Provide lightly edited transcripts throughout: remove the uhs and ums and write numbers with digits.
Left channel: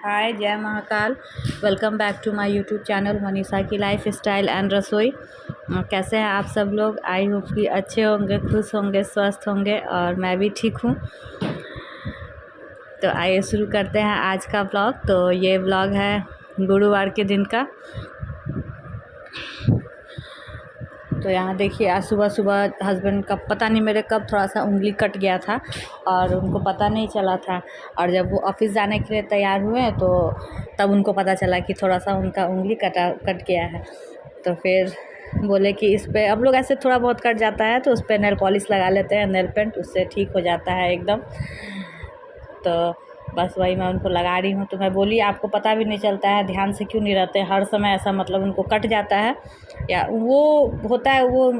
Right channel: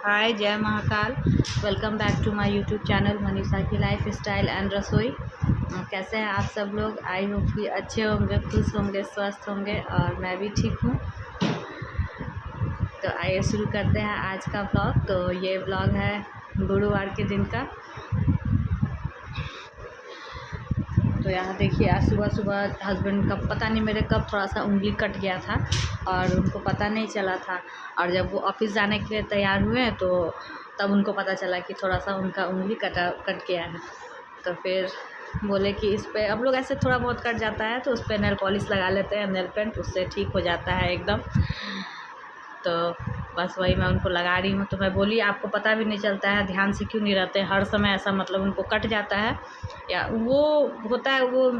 हाय, जय Mahakal. Welcome back to my YouTube channel Manisha की life style and रसोई। कैसे हैं आप सब लोग? आई होप कि अच्छे होंगे, खुश होंगे, स्वस्थ होंगे और मैं भी ठीक हूँ। तो आइए शुरू करते हैं आज का व्लॉग। तो ये व्लॉग है गुरुवार के दिन का। तो यहाँ देखिए, आज सुबह सुबह हस्बैंड का पता नहीं मेरे कब थोड़ा सा उंगली कट गया था और उनको पता नहीं चला था। और जब वो ऑफिस जाने के लिए तैयार हुए तो तब उनको पता चला कि थोड़ा सा उनका उंगली कट गया है। तो फिर बोले कि इस पर अब लोग ऐसे थोड़ा बहुत कट जाता है तो उस पर नेल पॉलिश लगा लेते हैं, नेल पेंट, उससे ठीक हो जाता है एकदम। तो बस वही मैं उनको लगा रही हूँ। तो मैं बोली आपको पता भी नहीं चलता है, ध्यान से क्यों नहीं रहते हर समय ऐसा, मतलब उनको कट जाता है या वो होता है, वो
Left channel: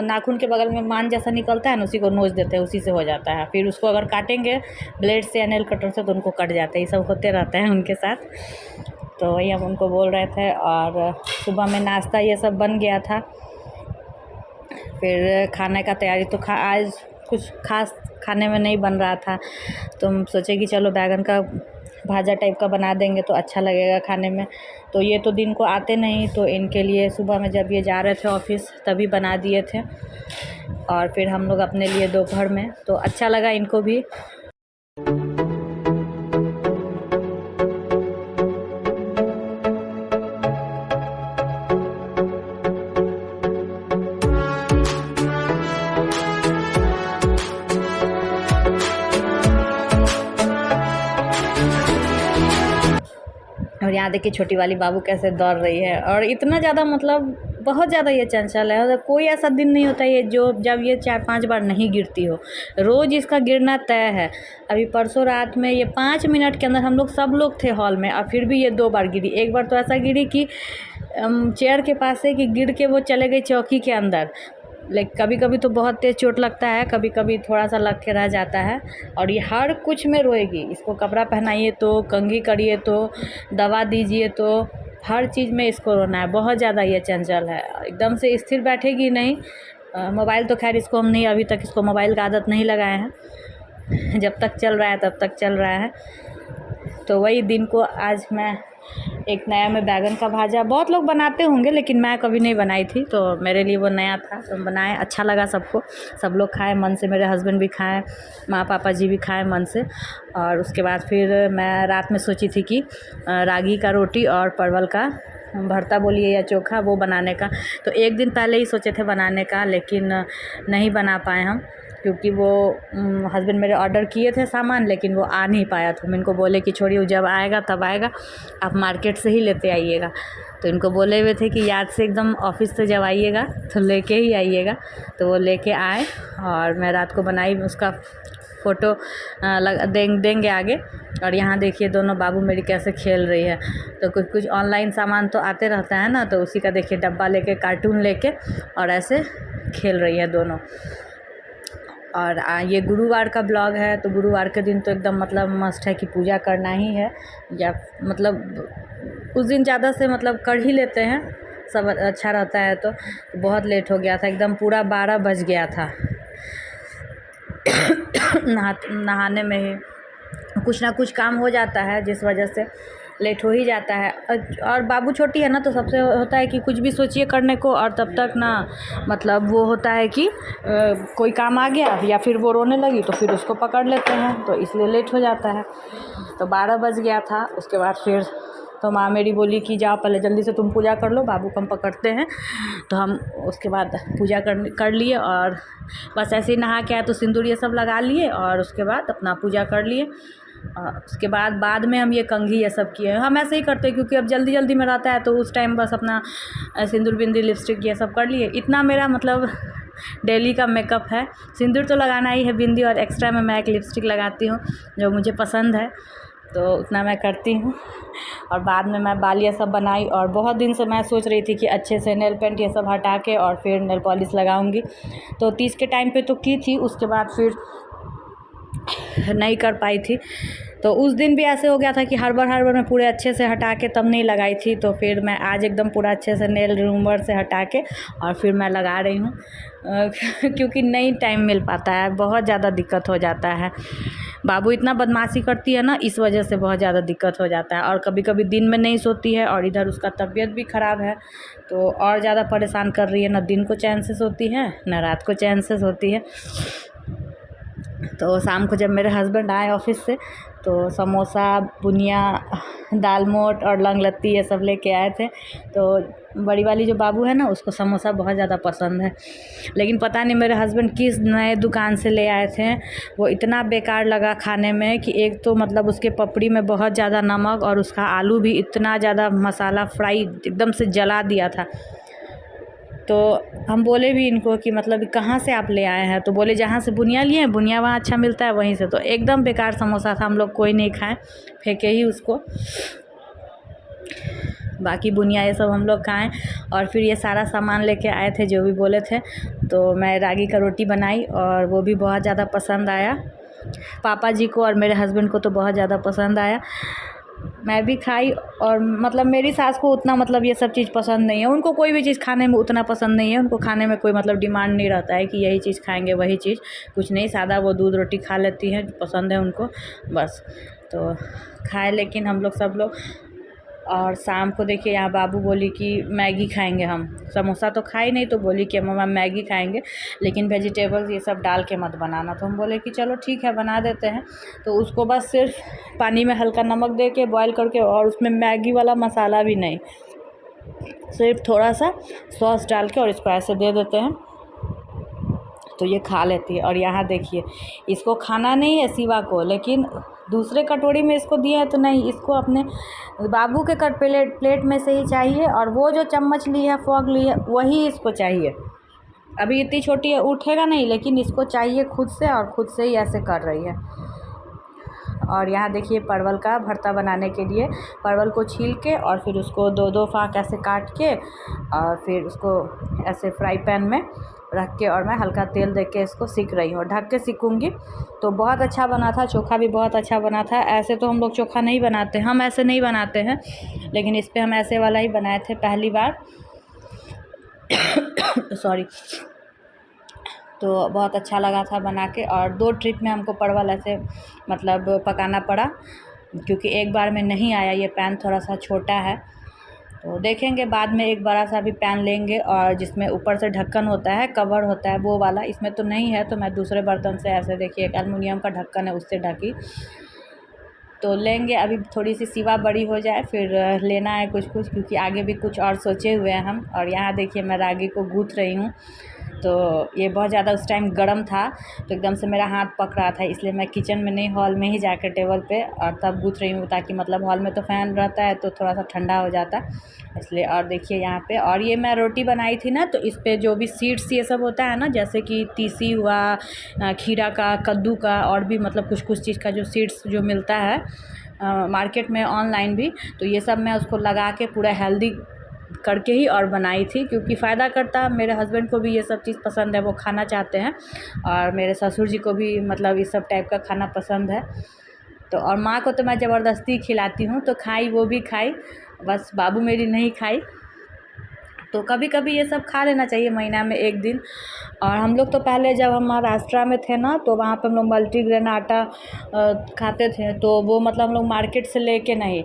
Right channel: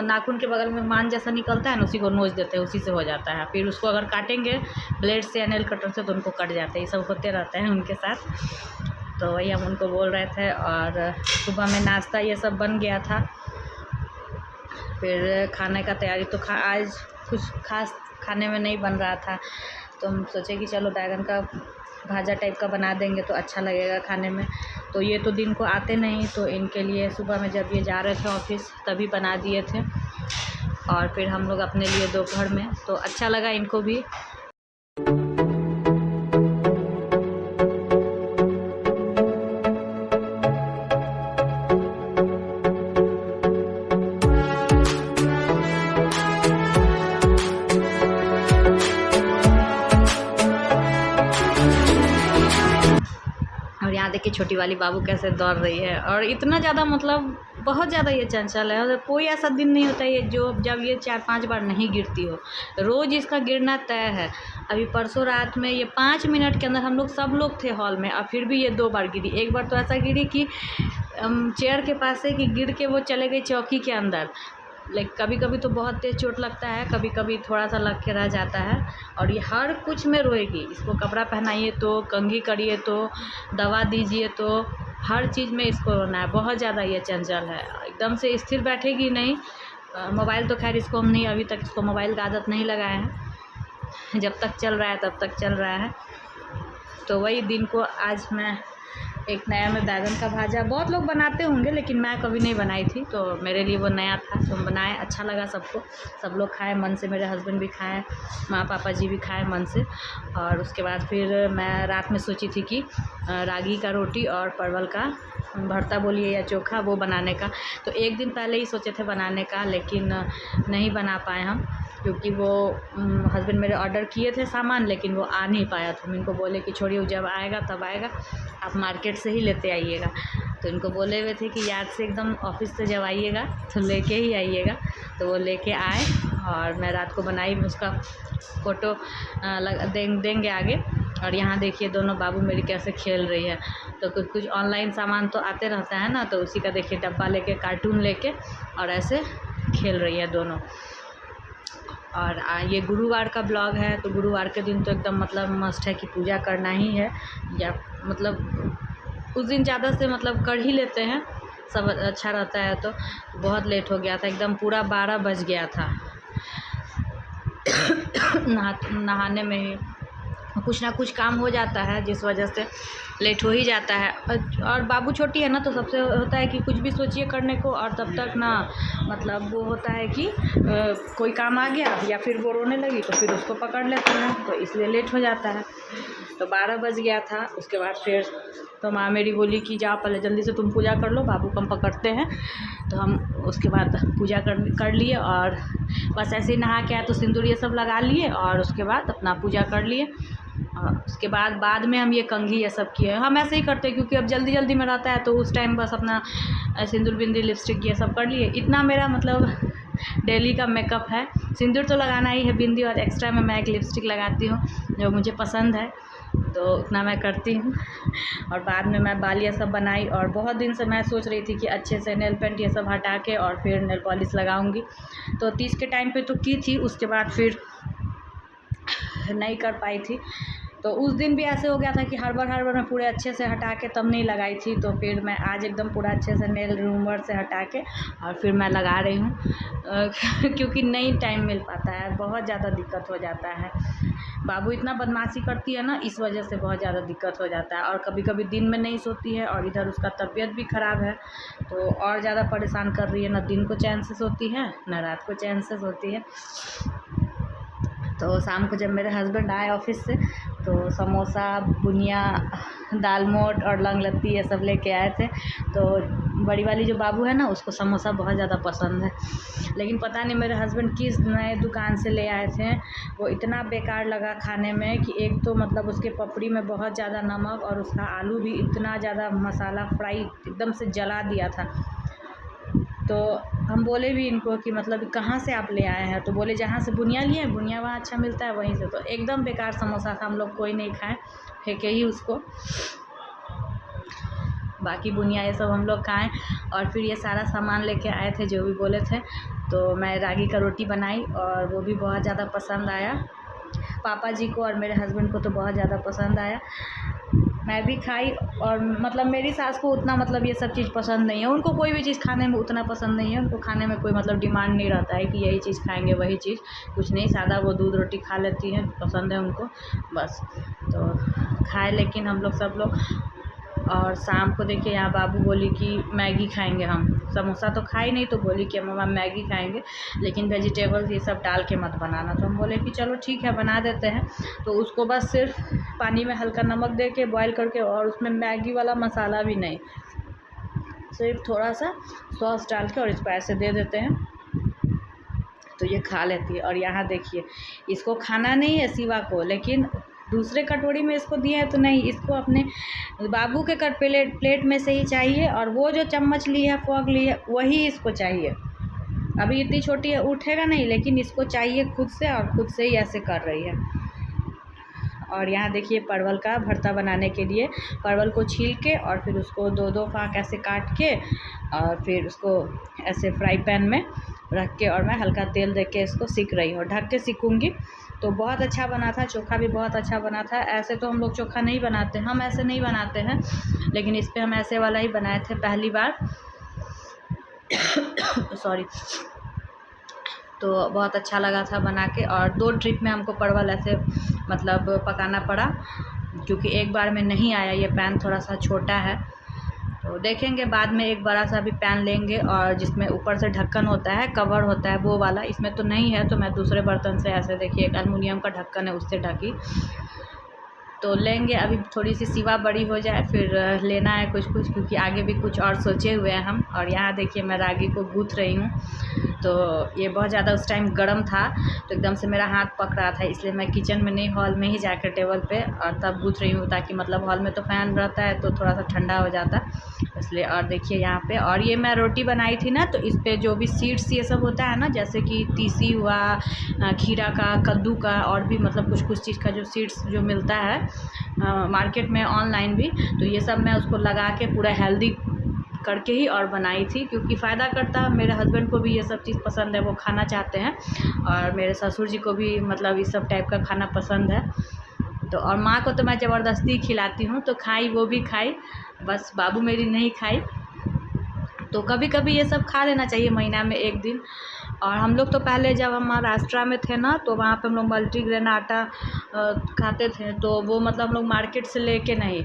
नाखून के बगल में मान जैसा निकलता है ना, उसी को नोच देते हैं, उसी से हो जाता है। फिर उसको अगर काटेंगे ब्लेड से या नेल कटर से तो उनको कट जाते हैं। ये सब होते रहते हैं उनके साथ। तो वही हम उनको बोल रहे थे। और सुबह में नाश्ता ये सब बन गया था। फिर खाने का तैयारी तो आज कुछ खास खाने में नहीं बन रहा था, तो हम सोचे कि चलो बैगन का भाजा टाइप का बना देंगे तो अच्छा लगेगा खाने में। तो ये तो दिन को आते नहीं, तो इनके लिए सुबह में जब ये जा रहे थे ऑफिस तभी बना दिए थे। और फिर हम लोग अपने लिए दोपहर में, तो अच्छा लगा इनको भी। और यहाँ देखिए छोटी वाली बाबू कैसे दौड़ रही है। और इतना ज़्यादा, मतलब बहुत ज़्यादा ये चंचल है। और कोई ऐसा दिन नहीं होता ये जब ये 4-5 बार नहीं गिरती हो। रोज़ इसका गिरना तय है। अभी परसों रात में ये 5 मिनट के अंदर हम लोग सब लोग थे हॉल में, और फिर भी ये 2 बार गिरी। एक बार तो ऐसा गिरी कि चेयर के पास से कि गिर के वो चले गई चौकी के अंदर। लाइक कभी कभी तो बहुत तेज़ चोट लगता है, कभी कभी थोड़ा सा लग के रह जाता है। और ये हर कुछ में रोएगी। इसको कपड़ा पहनाइए तो, कंघी करिए तो, दवा दीजिए तो, हर चीज़ में इसको रोना है। बहुत ज़्यादा ये चंचल है, एकदम से स्थिर बैठेगी नहीं। मोबाइल तो खैर इसको हम नहीं, अभी तक इसको मोबाइल का आदत नहीं लगाए हैं। जब तक चल रहा है तब तक चल रहा है। तो वही दिन को आज मैं एक नया में बैगन का भाजा, बहुत लोग बनाते होंगे लेकिन मैं कभी नहीं बनाई थी, तो मेरे लिए वो नया था तो बनाए। अच्छा लगा सबको, सब लोग खाए मन से, मेरे हस्बैंड भी खाए, माँ पापा जी भी खाए मन से। और उसके बाद फिर मैं रात में सोची थी कि रागी का रोटी और परवल का भरता बोलिए या चोखा, वो बनाने का। तो एक दिन पहले ही सोचे थे बनाने का, लेकिन नहीं बना पाए हम, क्योंकि वो हस्बैंड मेरे ऑर्डर किए थे सामान, लेकिन वो आ नहीं पाया। तो मैं इनको बोले कि छोड़िए, जब आएगा तब आएगा, आप मार्केट से ही लेते आइएगा। तो इनको बोले हुए थे कि याद से एकदम ऑफिस से जब आइएगा तो लेके ही आइएगा। तो वो लेके आए और मैं रात को बनाई। उसका फ़ोटो देंगे आगे। और यहाँ देखिए दोनों बाबू मेरी कैसे खेल रही है। तो कुछ कुछ ऑनलाइन सामान तो आते रहता है ना, तो उसी का देखिए डब्बा लेके, कार्टून लेके, और ऐसे खेल रही है दोनों। और ये गुरुवार का ब्लॉग है। तो गुरुवार के दिन तो एकदम मतलब मस्ट है कि पूजा करना ही है, या मतलब उस दिन ज़्यादा से मतलब कर ही लेते हैं, सब अच्छा रहता है। तो बहुत लेट हो गया था, एकदम पूरा 12 बज गया था नहाने में ही। कुछ ना कुछ काम हो जाता है जिस वजह से लेट हो ही जाता है। और बाबू छोटी है ना, तो सबसे होता है कि कुछ भी सोचिए करने को, और तब तक ना मतलब वो होता है कि कोई काम आ गया या फिर वो रोने लगी तो फिर उसको पकड़ लेते हैं, तो इसलिए लेट हो जाता है। तो 12 बज गया था। उसके बाद फिर तो माँ मेरी बोली कि जाओ पहले जल्दी से तुम पूजा कर लो, बाबू को हम पकड़ते हैं। तो हम उसके बाद पूजा कर लिए, और बस ऐसे ही नहा के आए तो सिंदूर ये सब लगा लिए, और उसके बाद अपना पूजा कर लिए। उसके बाद में हम ये कंघी ये सब किए। हम ऐसे ही करते हैं क्योंकि अब जल्दी जल्दी में रहता है, तो उस टाइम बस अपना सिंदूर बिंदी लिपस्टिक ये सब कर लिए। इतना मेरा मतलब डेली का मेकअप है। सिंदूर तो लगाना ही है, बिंदी, और एक्स्ट्रा में मैं एक लिपस्टिक लगाती हूँ जो मुझे पसंद है, तो उतना मैं करती हूँ। और बाद में मैं बाल ये सब बनाई। और बहुत दिन से मैं सोच रही थी कि अच्छे से नेल पेंट ये सब हटा के और फिर नेल पॉलिश लगाऊंगी। तो 30 के टाइम पे तो की थी, उसके बाद फिर नहीं कर पाई थी। तो उस दिन भी ऐसे हो गया था कि हड़बड़ मैं पूरे अच्छे से हटा के तब नहीं लगाई थी, तो फिर मैं आज एकदम पूरा अच्छे से नेल रिमूवर से हटा के और फिर मैं लगा रही हूँ क्योंकि नहीं टाइम मिल पाता है, बहुत ज़्यादा दिक्कत हो जाता है। बाबू इतना बदमाशी करती है ना, इस वजह से बहुत ज़्यादा दिक्कत हो जाता है। और कभी कभी दिन में नहीं सोती है और इधर उसका तबीयत भी ख़राब है, तो और ज़्यादा परेशान कर रही है। ना दिन को चैन से सोती है, ना रात को चैन से सोती है। तो शाम को जब मेरे हस्बैंड आए ऑफिस से, तो समोसा, बुनिया, दाल मोठ और लंग लत्ती ये सब लेके आए थे। तो बड़ी वाली जो बाबू है ना, उसको समोसा बहुत ज़्यादा पसंद है, लेकिन पता नहीं मेरे हस्बैंड किस नए दुकान से ले आए थे, वो इतना बेकार लगा खाने में कि एक तो मतलब उसके पपड़ी में बहुत ज़्यादा नमक और उसका आलू भी इतना ज़्यादा मसाला फ्राई एकदम से जला दिया था। तो हम बोले भी इनको कि मतलब कहाँ से आप ले आए हैं, तो बोले जहाँ से बुनिया लिए हैं, बुनिया वहाँ अच्छा मिलता है वहीं से। तो एकदम बेकार समोसा था, हम लोग कोई नहीं खाए, फेंके ही उसको। बाकी बुनिया ये सब हम लोग खाएं। और फिर ये सारा सामान लेके आए थे जो भी बोले थे, तो मैं रागी का रोटी बनाई और वो भी बहुत ज़्यादा पसंद आया पापा जी को और मेरे हस्बैंड को, तो बहुत ज़्यादा पसंद आया। मैं भी खाई। और मतलब मेरी सास को उतना मतलब ये सब चीज़ पसंद नहीं है, उनको कोई भी चीज़ खाने में उतना पसंद नहीं है, उनको खाने में कोई मतलब डिमांड नहीं रहता है कि यही चीज़ खाएंगे वही चीज़, कुछ नहीं, सादा वो दूध रोटी खा लेती हैं, पसंद है उनको बस। तो खाए लेकिन हम लोग सब लोग। और शाम को देखिए यहाँ बाबू बोली कि मैगी खाएंगे हम, समोसा तो खाई नहीं, तो बोली कि मम्मा मैगी खाएंगे, लेकिन वेजिटेबल्स ये सब डाल के मत बनाना। तो हम बोले कि चलो ठीक है बना देते हैं। तो उसको बस सिर्फ पानी में हल्का नमक दे के बॉयल करके, और उसमें मैगी वाला मसाला भी नहीं, सिर्फ थोड़ा सा सॉस डाल के और इसको ऐसे दे देते हैं, तो ये खा लेती है। और यहाँ देखिए इसको खाना नहीं है शिवा को, लेकिन दूसरे कटोरी में इसको दिया है तो नहीं, इसको अपने बाबू के प्लेट में से ही चाहिए, और वो जो चम्मच ली है, फोर्क ली है, वही इसको चाहिए। अभी इतनी छोटी है, उठेगा नहीं, लेकिन इसको चाहिए खुद से, और खुद से ही ऐसे कर रही है। और यहाँ देखिए परवल का भरता बनाने के लिए परवल को छील के और फिर उसको दो दो फाँक ऐसे काट के, और फिर उसको ऐसे फ्राई पैन में रख के, और मैं हल्का तेल दे के इसको सीख रही हूँ, ढक के सीखूँगी। तो बहुत अच्छा बना था, चोखा भी बहुत अच्छा बना था। ऐसे तो हम लोग चोखा नहीं बनाते, हम ऐसे नहीं बनाते हैं, लेकिन इस पर हम ऐसे वाला ही बनाए थे पहली बार सॉरी। तो बहुत अच्छा लगा था बना के। और 2 ट्रिप में हमको परवल ऐसे मतलब पकाना पड़ा, क्योंकि एक बार में नहीं आया, ये पैन थोड़ा सा छोटा है। तो देखेंगे बाद में एक बड़ा सा भी पैन लेंगे, और जिसमें ऊपर से ढक्कन होता है, कवर होता है, वो वाला। इसमें तो नहीं है, तो मैं दूसरे बर्तन से ऐसे देखिए एक एलुमिनियम का ढक्कन है उससे ढकी, तो लेंगे। अभी थोड़ी सी सिवा बड़ी हो जाए फिर लेना है कुछ कुछ, क्योंकि आगे भी कुछ और सोचे हुए हैं हम। और यहाँ देखिए मैं रागी को गूँथ रही हूँ, तो ये बहुत ज़्यादा उस टाइम गर्म था, तो एकदम से मेरा हाथ पक रहा था, इसलिए मैं किचन में नहीं, हॉल में ही जाकर टेबल पे और तब गूँथ रही हूँ, ताकि मतलब हॉल में तो फ़ैन रहता है तो थोड़ा सा ठंडा हो जाता इसलिए। और देखिए यहाँ पे, और ये मैं रोटी बनाई थी ना, तो इस पर जो भी सीड्स ये सब होता है ना, जैसे कि तीसी हुआ, खीरा का, कद्दू का, और भी मतलब कुछ कुछ चीज़ का जो सीड्स जो मिलता है मार्केट में, ऑनलाइन भी, तो ये सब मैं उसको लगा के पूरा हेल्दी करके ही और बनाई थी, क्योंकि फ़ायदा करता है। मेरे हस्बैंड को भी ये सब चीज़ पसंद है, वो खाना चाहते हैं, और मेरे ससुर जी को भी मतलब इस सब टाइप का खाना पसंद है। तो और माँ को तो मैं ज़बरदस्ती खिलाती हूँ, तो खाई, वो भी खाई, बस बाबू मेरी नहीं खाई। तो कभी कभी ये सब खा लेना चाहिए महीना में 1 दिन। और हम लोग तो पहले जब हम महाराष्ट्र में थे ना, तो वहाँ पे हम लोग मल्टीग्रेन आटा खाते थे, तो वो मतलब हम लोग मार्केट से लेके नहीं,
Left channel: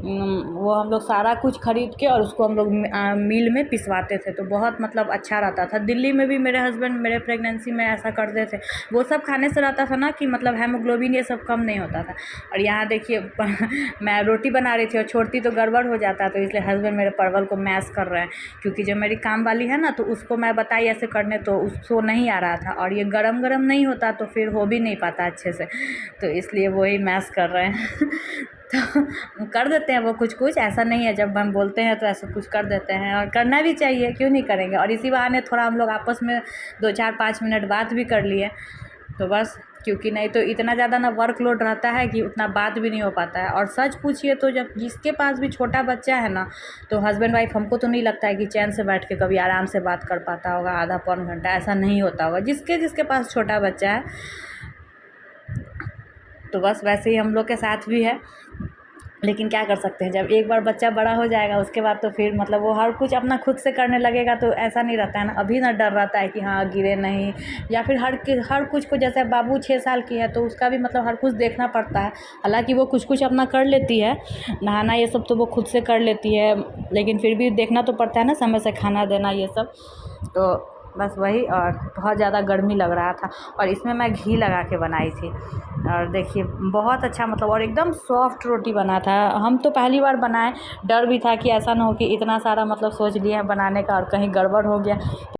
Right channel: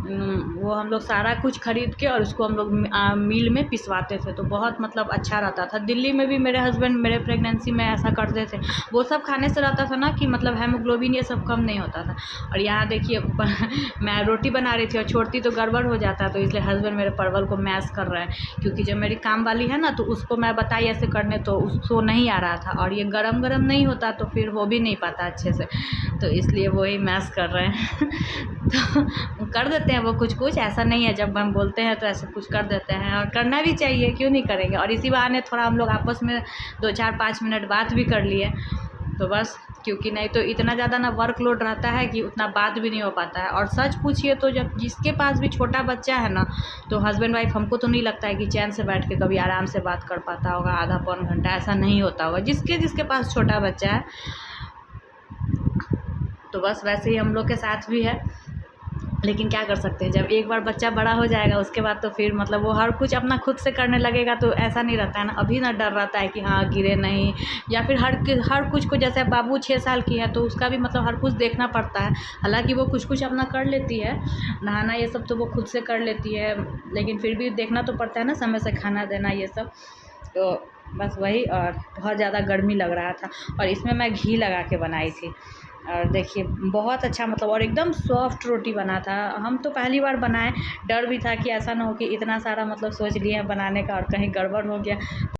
वो हम लोग सारा कुछ ख़रीद के और उसको हम लोग मिल में पिसवाते थे, तो बहुत मतलब अच्छा रहता था। दिल्ली में भी मेरे हस्बैंड मेरे प्रेगनेंसी में ऐसा करते थे, वो सब खाने से रहता था ना कि मतलब हेमोग्लोबिन ये सब कम नहीं होता था। और यहाँ देखिए मैं रोटी बना रही थी और छोड़ती तो गड़बड़ हो जाता, तो इसलिए हस्बैंड मेरे परवल को मैश कर रहे हैं, क्योंकि जो मेरी काम वाली है ना, तो उसको मैं बताई ऐसे करने, तो उसको नहीं आ रहा था, और ये गरम गरम नहीं होता तो फिर हो भी नहीं पाता अच्छे से, तो इसलिए वही मैश कर रहे हैं तो कर देते हैं वो कुछ कुछ, ऐसा नहीं है, जब हम बोलते हैं तो ऐसे कुछ कर देते हैं, और करना भी चाहिए, क्यों नहीं करेंगे। और इसी बहाने थोड़ा हम लोग आपस में 2-4-5 मिनट बात भी कर लिए, तो बस, क्योंकि नहीं तो इतना ज़्यादा ना वर्कलोड रहता है कि उतना बात भी नहीं हो पाता है। और सच पूछिए तो जब जिसके पास भी छोटा बच्चा है ना, तो हस्बैंड वाइफ, हमको तो नहीं लगता है कि चैन से बैठ के कभी आराम से बात कर पाता होगा आधा पौन घंटा, ऐसा नहीं होता होगा जिसके पास छोटा बच्चा है। तो बस वैसे ही हम लोग के साथ भी है। लेकिन क्या कर सकते हैं, जब एक बार बच्चा बड़ा हो जाएगा उसके बाद तो फिर मतलब वो हर कुछ अपना खुद से करने लगेगा, तो ऐसा नहीं रहता है ना। अभी ना डर रहता है कि हाँ गिरे नहीं, या फिर हर कुछ को, जैसे बाबू 6 साल की है तो उसका भी मतलब हर कुछ देखना पड़ता है। हालांकि वो कुछ कुछ अपना कर लेती है, नहाना ये सब तो वो खुद से कर लेती है, लेकिन फिर भी देखना तो पड़ता है ना, समय से खाना देना ये सब। तो बस वही। और बहुत ज़्यादा गर्मी लग रहा था, और इसमें मैं घी लगा के बनाई थी। और देखिए बहुत अच्छा मतलब, और एकदम सॉफ्ट रोटी बना था। हम तो पहली बार बनाए, डर भी था कि ऐसा ना हो कि इतना सारा मतलब सोच लिए हैं बनाने का और कहीं गड़बड़ हो गया।